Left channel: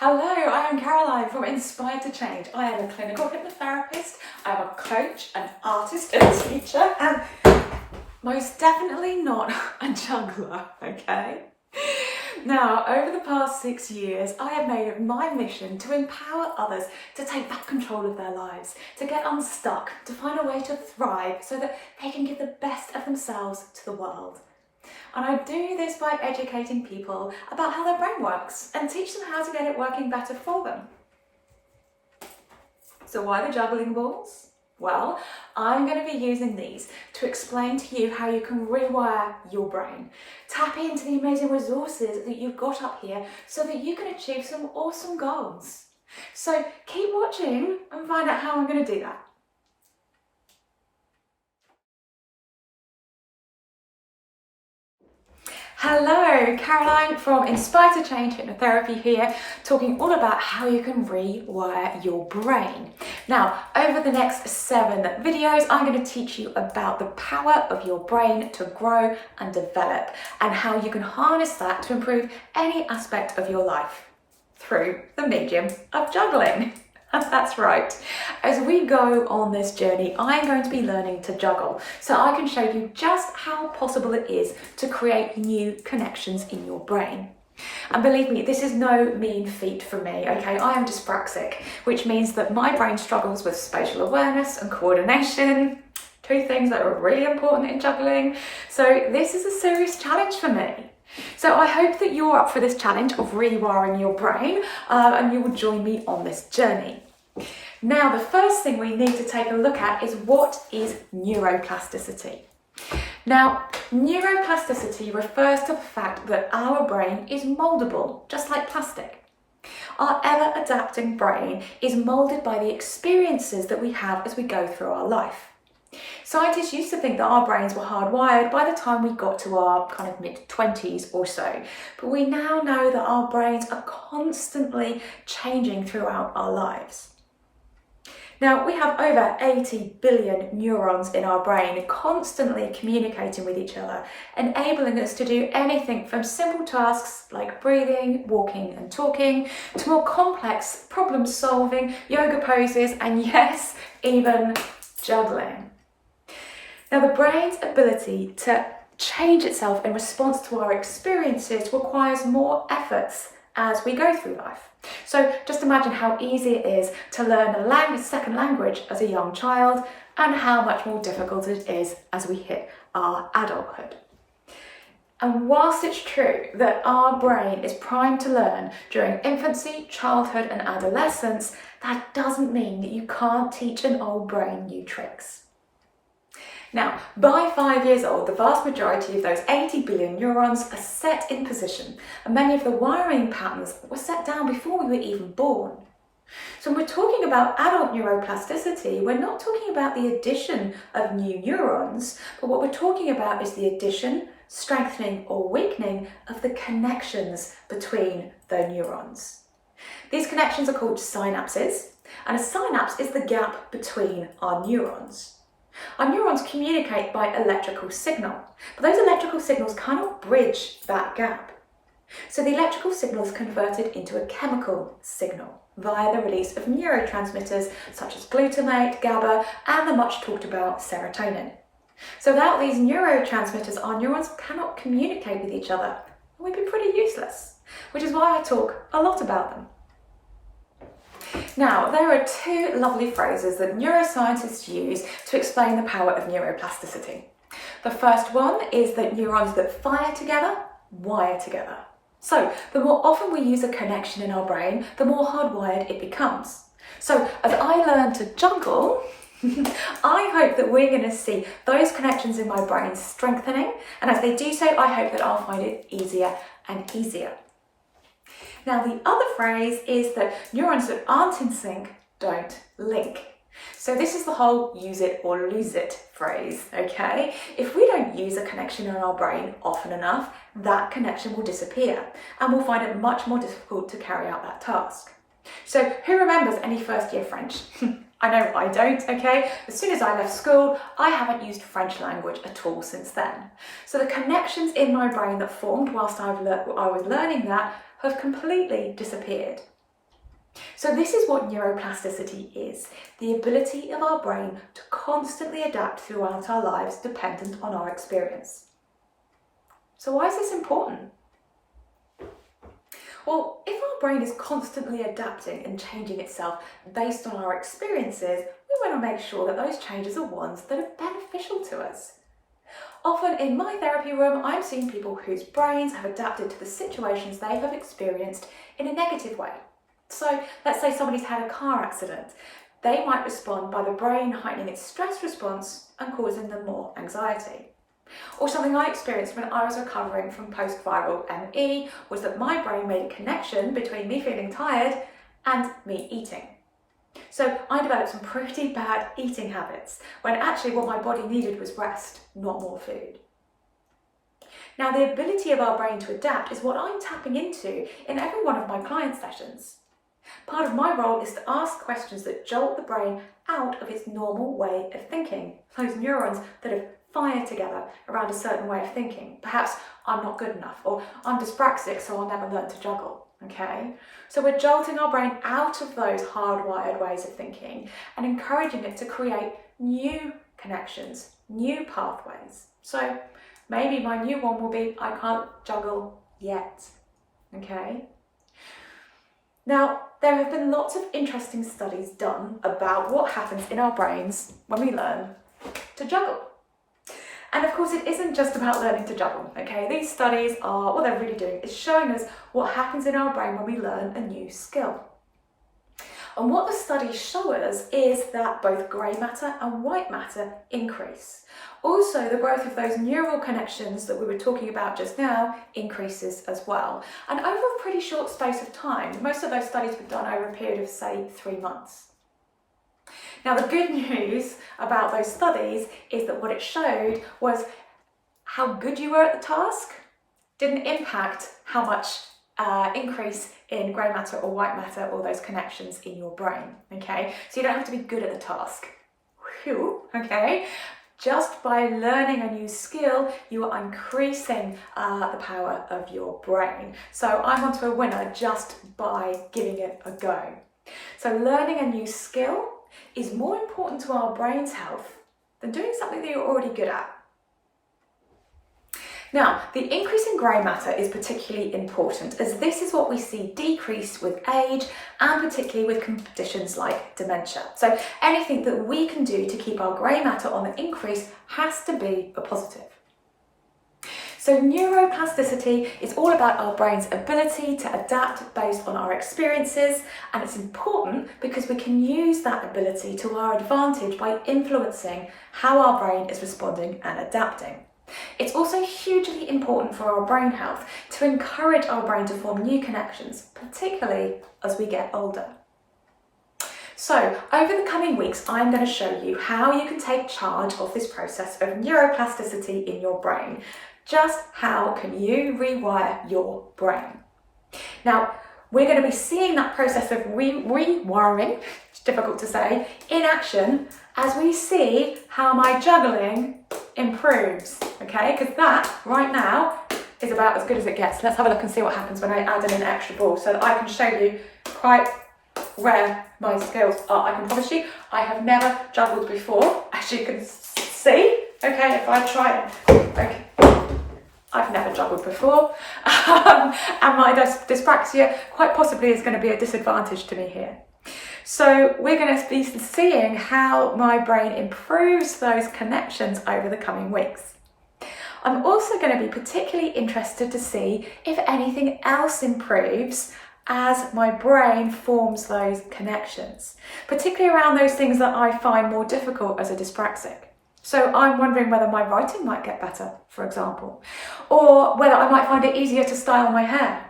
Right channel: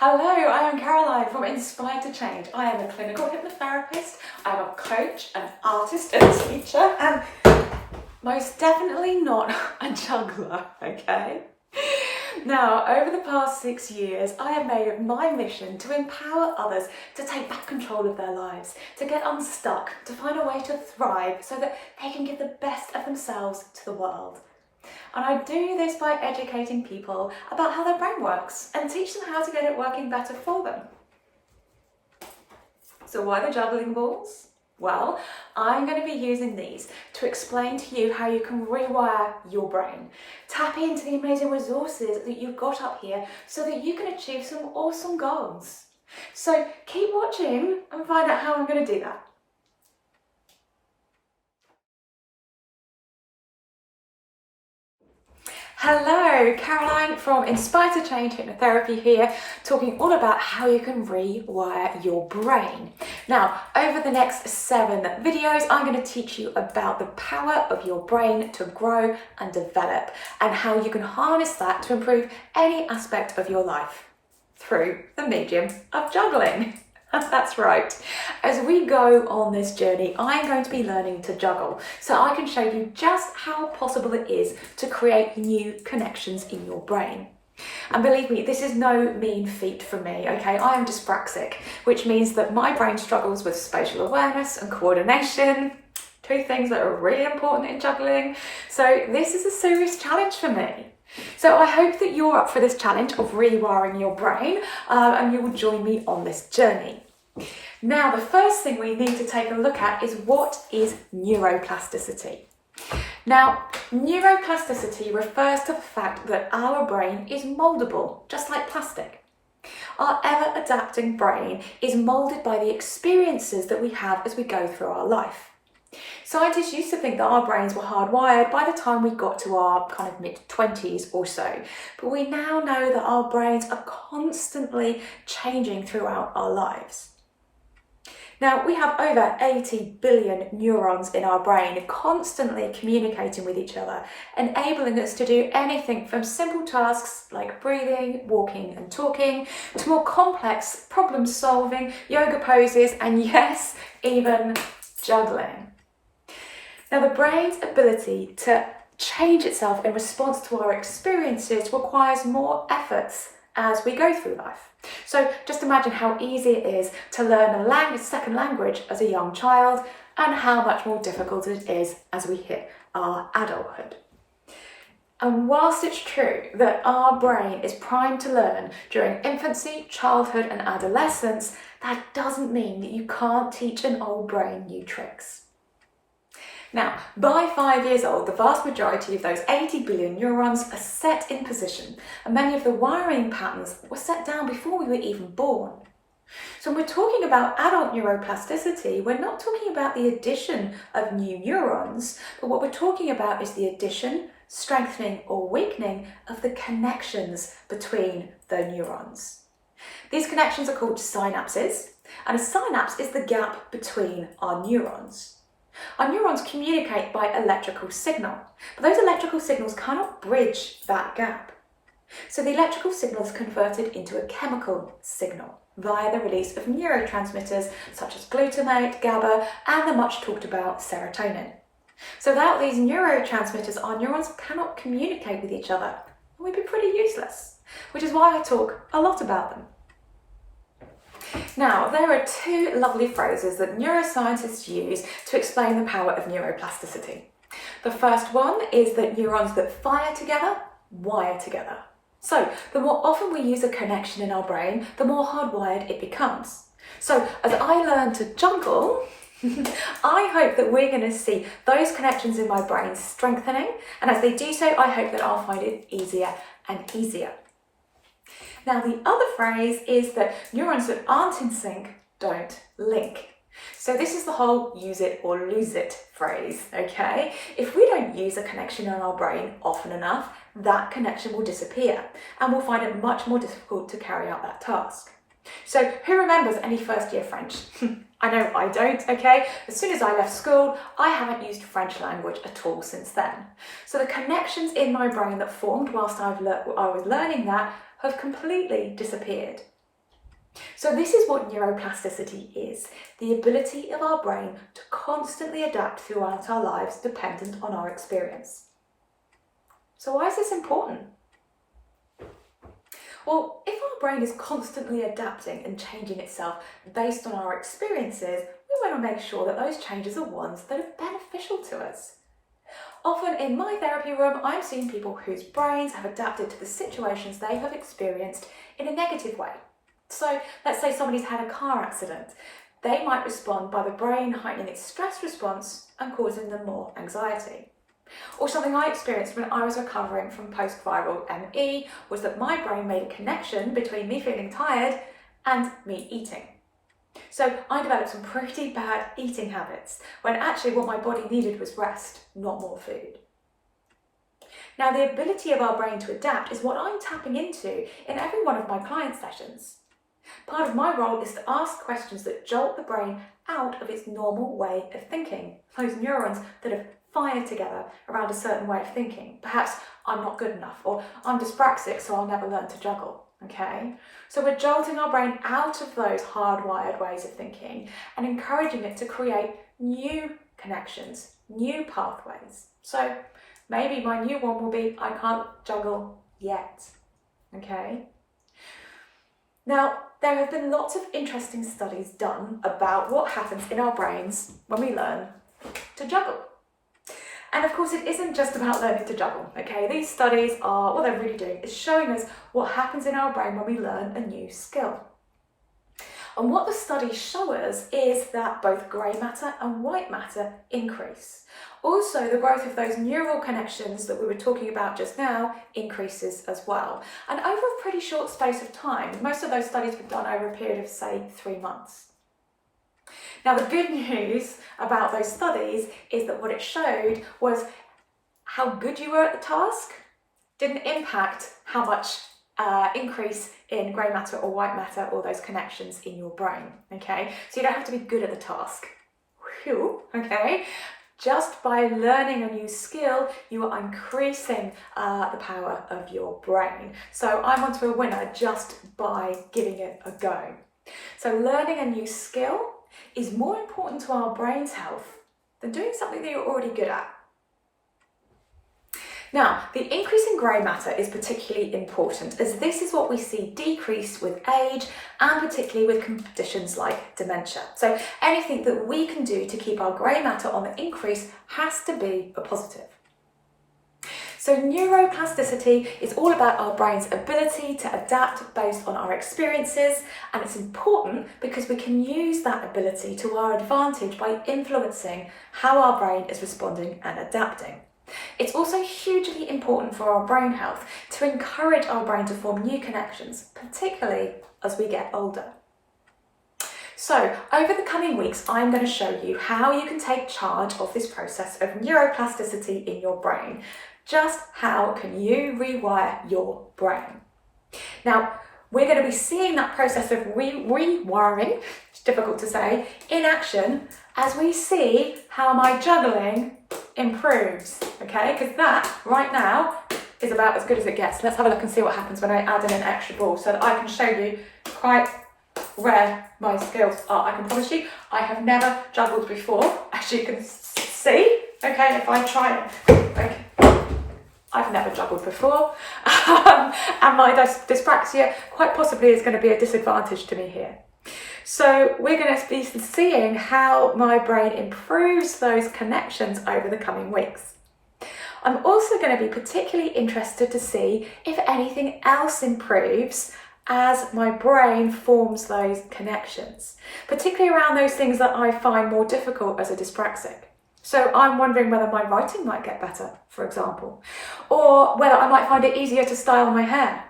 Hello, I am Caroline from Inspired to Change. I am a clinical hypnotherapist, I am a coach, an artist and a teacher, and most definitely not a juggler, okay? Now, over the past 6 years, I have made it my mission to empower others to take back control of their lives, to get unstuck, to find a way to thrive so that they can give the best of themselves to the world. And I do this by educating people about how their brain works and teach them how to get it working better for them. So why the juggling balls? Well, I'm going to be using these to explain to you how you can rewire your brain. Tap into the amazing resources that you've got up here so that you can achieve some awesome goals. So keep watching and find out how I'm going to do that. Hello, Caroline from Inspired to Change Hypnotherapy here, talking all about how you can rewire your brain. Now, over the next 7 videos, I'm going to teach you about the power of your brain to grow and develop and how you can harness that to improve any aspect of your life through the medium of juggling. That's right. As we go on this journey, I'm going to be learning to juggle so I can show you just how possible it is to create new connections in your brain. And believe me, this is no mean feat for me, okay? I am dyspraxic, which means that my brain struggles with spatial awareness and coordination, 2 things that are really important in juggling. So this is a serious challenge for me. So I hope that you're up for this challenge of rewiring your brain and you will join me on this journey. Now, the first thing we need to take a look at is what is neuroplasticity. Now, neuroplasticity refers to the fact that our brain is moldable, just like plastic. Our ever-adapting brain is molded by the experiences that we have as we go through our life. Scientists used to think that our brains were hardwired by the time we got to our kind of mid-20s or so, but we now know that our brains are constantly changing throughout our lives. Now, we have over 80 billion neurons in our brain constantly communicating with each other, enabling us to do anything from simple tasks like breathing, walking and talking, to more complex problem solving, yoga poses, and yes, even juggling. Now, the brain's ability to change itself in response to our experiences requires more efforts as we go through life. So just imagine how easy it is to learn a second language as a young child and how much more difficult it is as we hit our adulthood. And whilst it's true that our brain is primed to learn during infancy, childhood and adolescence, that doesn't mean that you can't teach an old brain new tricks. Now, by 5 years old, the vast majority of those 80 billion neurons are set in position, and many of the wiring patterns were set down before we were even born. So when we're talking about adult neuroplasticity, we're not talking about the addition of new neurons, but what we're talking about is the addition, strengthening or weakening of the connections between the neurons. These connections are called synapses, and a synapse is the gap between our neurons. Our neurons communicate by electrical signal, but those electrical signals cannot bridge that gap. So the electrical signal is converted into a chemical signal via the release of neurotransmitters such as glutamate, GABA, and the much talked about serotonin. So without these neurotransmitters, our neurons cannot communicate with each other, and we'd be pretty useless, which is why I talk a lot about them. Now, there are 2 lovely phrases that neuroscientists use to explain the power of neuroplasticity. The first one is that neurons that fire together, wire together. So, the more often we use a connection in our brain, the more hardwired it becomes. So, as I learn to juggle, I hope that we're going to see those connections in my brain strengthening, and as they do so, I hope that I'll find it easier and easier. Now, the other phrase is that neurons that aren't in sync don't link. So this is the whole use it or lose it phrase, okay? If we don't use a connection in our brain often enough, that connection will disappear and we'll find it much more difficult to carry out that task. So who remembers any first year French? I know I don't, okay? As soon as I left school, I haven't used French language at all since then. So the connections in my brain that formed whilst I was learning that have completely disappeared. So this is what neuroplasticity is, the ability of our brain to constantly adapt throughout our lives dependent on our experience. So why is this important? Well, if our brain is constantly adapting and changing itself based on our experiences, we want to make sure that those changes are ones that are beneficial to us. Often in my therapy room, I'm seeing people whose brains have adapted to the situations they have experienced in a negative way. So let's say somebody's had a car accident. They might respond by the brain heightening its stress response and causing them more anxiety. Or something I experienced when I was recovering from post-viral ME was that my brain made a connection between me feeling tired and me eating. So I developed some pretty bad eating habits when actually what my body needed was rest, not more food. Now, the ability of our brain to adapt is what I'm tapping into in every one of my client sessions. Part of my role is to ask questions that jolt the brain out of its normal way of thinking, those neurons that have fired together around a certain way of thinking. Perhaps I'm not good enough, or I'm dyspraxic, so I'll never learn to juggle. Okay? So we're jolting our brain out of those hardwired ways of thinking and encouraging it to create new connections, new pathways. So maybe my new one will be, I can't juggle yet. Okay? Now, there have been lots of interesting studies done about what happens in our brains when we learn to juggle. And of course, it isn't just about learning to juggle, okay? These studies are, what they're really doing is showing us what happens in our brain when we learn a new skill. And what the studies show us is that both grey matter and white matter increase. Also, the growth of those neural connections that we were talking about just now increases as well. And over a pretty short space of time, most of those studies were done over a period of, say, 3 months. Now, the good news about those studies is that what it showed was how good you were at the task didn't impact how much increase in grey matter or white matter or those connections in your brain, okay? So you don't have to be good at the task, okay? Just by learning a new skill, you are increasing the power of your brain. So I'm onto a winner just by giving it a go. So learning a new skill is more important to our brain's health than doing something that you're already good at. Now, the increase in grey matter is particularly important as this is what we see decrease with age and particularly with conditions like dementia. So anything that we can do to keep our grey matter on the increase has to be a positive. So neuroplasticity is all about our brain's ability to adapt based on our experiences, and it's important because we can use that ability to our advantage by influencing how our brain is responding and adapting. It's also hugely important for our brain health to encourage our brain to form new connections, particularly as we get older. So over the coming weeks, I'm going to show you how you can take charge of this process of neuroplasticity in your brain. Just how can you rewire your brain? Now, we're going to be seeing that process of rewiring, it's difficult to say, in action as we see how my juggling improves, okay? Because that, right now, is about as good as it gets. Let's have a look and see what happens when I add in an extra ball so that I can show you quite where my skills are. I can promise you, I have never juggled before, as you can see, okay, if I try it, okay. I've never juggled before, and my dyspraxia quite possibly is going to be a disadvantage to me here. So we're going to be seeing how my brain improves those connections over the coming weeks. I'm also going to be particularly interested to see if anything else improves as my brain forms those connections, particularly around those things that I find more difficult as a dyspraxic. So I'm wondering whether my writing might get better, for example, or whether I might find it easier to style my hair.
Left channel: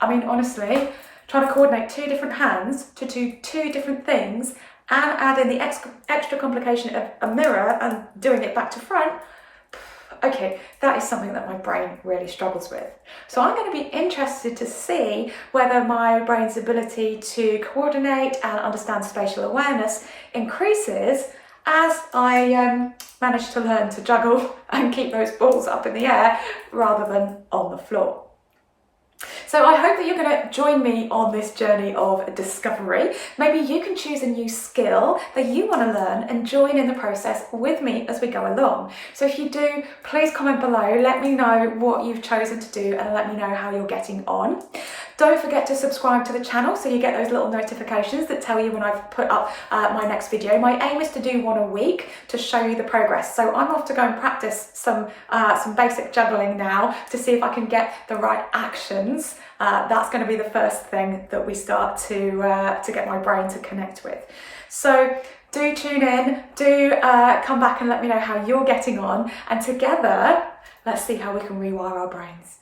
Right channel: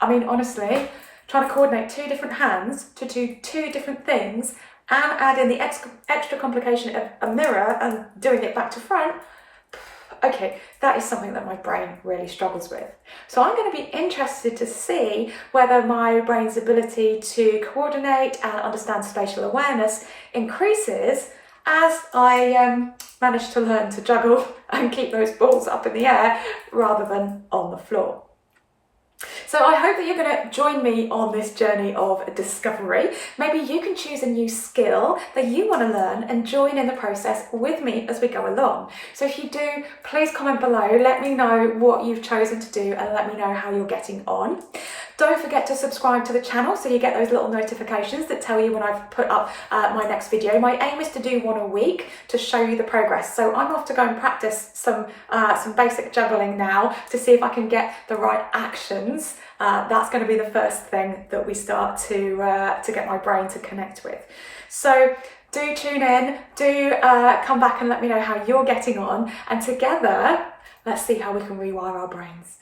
I mean, honestly, trying to coordinate 2 different hands to do 2 different things and add in the extra complication of a mirror and doing it back to front, okay, that is something that my brain really struggles with. So I'm going to be interested to see whether my brain's ability to coordinate and understand spatial awareness increases as I manage to learn to juggle and keep those balls up in the air rather than on the floor. So I hope that you're going to join me on this journey of discovery. Maybe you can choose a new skill that you want to learn and join in the process with me as we go along. So if you do, please comment below, let me know what you've chosen to do and let me know how you're getting on. Don't forget to subscribe to the channel so you get those little notifications that tell you when I've put up my next video. My aim is to do one a week to show you the progress. So I'm off to go and practice some basic juggling now to see if I can get the right actions. That's going to be the first thing that we start to get my brain to connect with. So do tune in, do come back and let me know how you're getting on, and together, let's see how we can rewire our brains.